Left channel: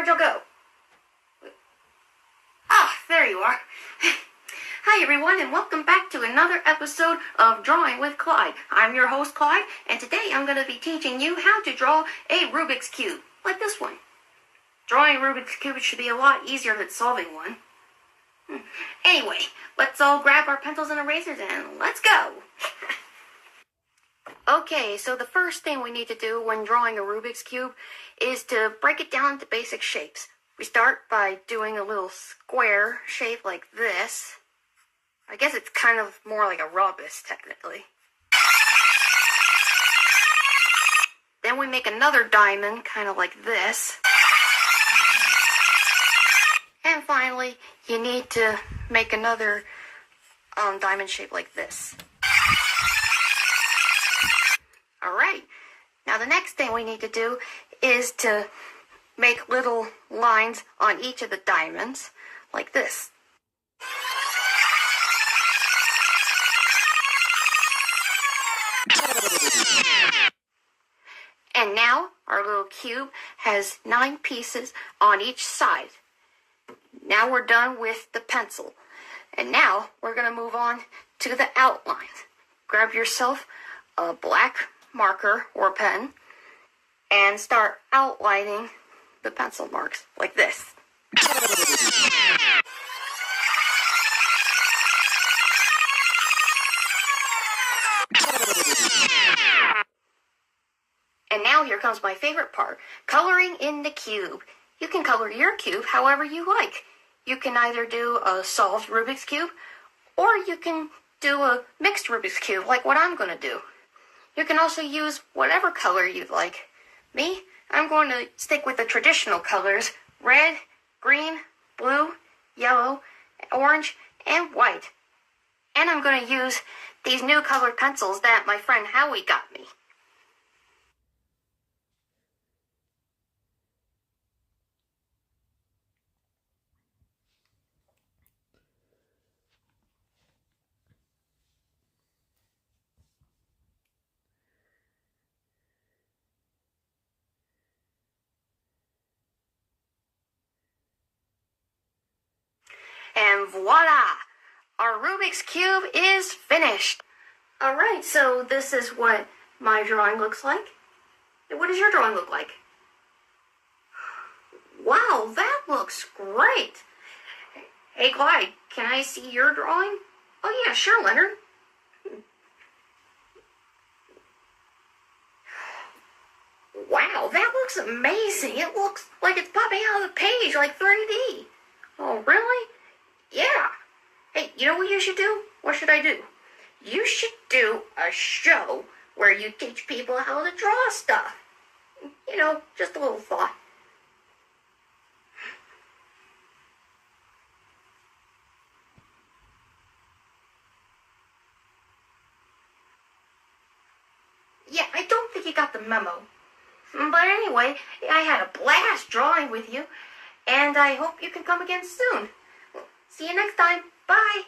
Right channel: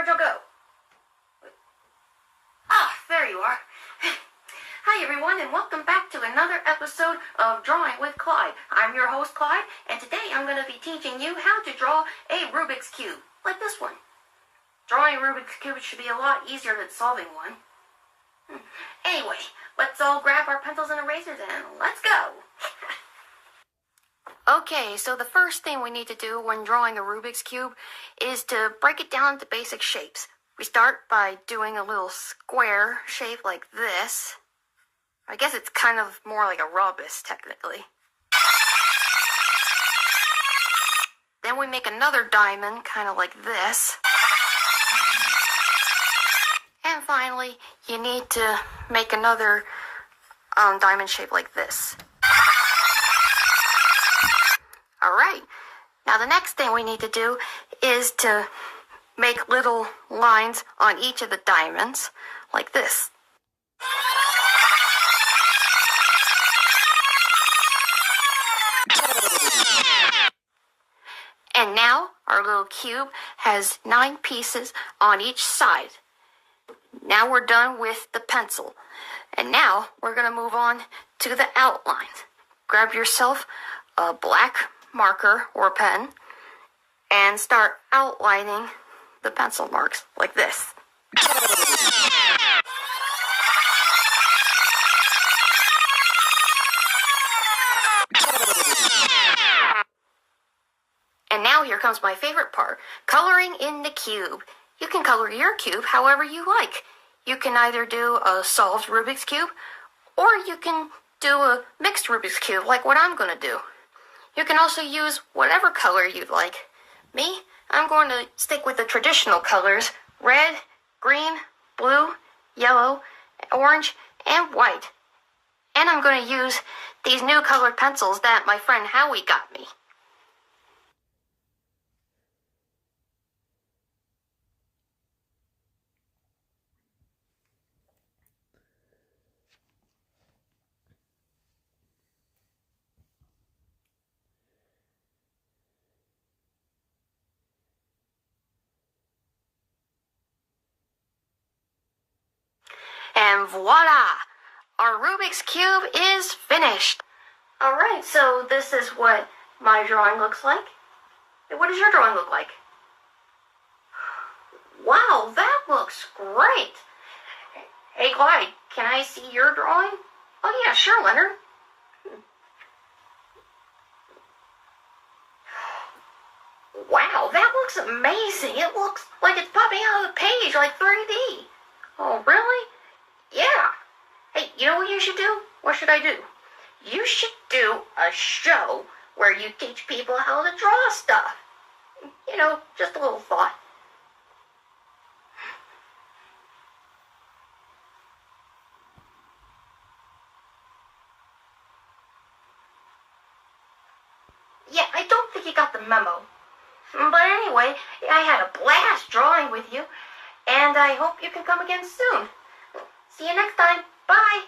Where'd you go? Ah, there you are. Hi everyone, and welcome back to another episode of Drawing with Clyde. I'm your host Clyde, and today I'm going to be teaching you how to draw a Rubik's Cube, like this one. Drawing a Rubik's Cube should be a lot easier than solving one. Anyway, let's all grab our pencils and erasers and let's go! Okay, so the first thing we need to do when drawing a Rubik's Cube is to break it down into basic shapes. We start by doing a little square shape like this. I guess it's kind of more like a rhombus, technically. Then we make another diamond, kind of like this. And finally, you need to make another diamond shape like this. Alright, now the next thing we need to do is to make little lines on each of the diamonds, like this. And now our little cube has 9 pieces on each side. Now we're done with the pencil. And now we're going to move on to the outlines. Grab yourself a black marker or pen and start outlining the pencil marks like this. And now here comes my favorite part, coloring in the cube. You can color your cube however you like. You can either do a solved Rubik's Cube, or you can do a mixed Rubik's Cube like what I'm going to do. You can also use whatever color you'd like. Me, I'm going to stick with the traditional colors, red, green, blue, yellow, orange, and white. And I'm going to use these new colored pencils that my friend Howie got me. And voila! Our Rubik's Cube is finished! Alright, so this is what my drawing looks like. What does your drawing look like? Wow, that looks great! Hey Clyde, can I see your drawing? Oh yeah, sure, Leonard. Wow, that looks amazing! It looks like it's popping out of the page like 3D. Oh, really? Yeah. Hey, you know what you should do? What should I do? You should do a show where you teach people how to draw stuff. You know, just a little thought. Yeah, I don't think you got the memo. But anyway, I had a blast drawing with you, and I hope you can come again soon. See you next time. Bye.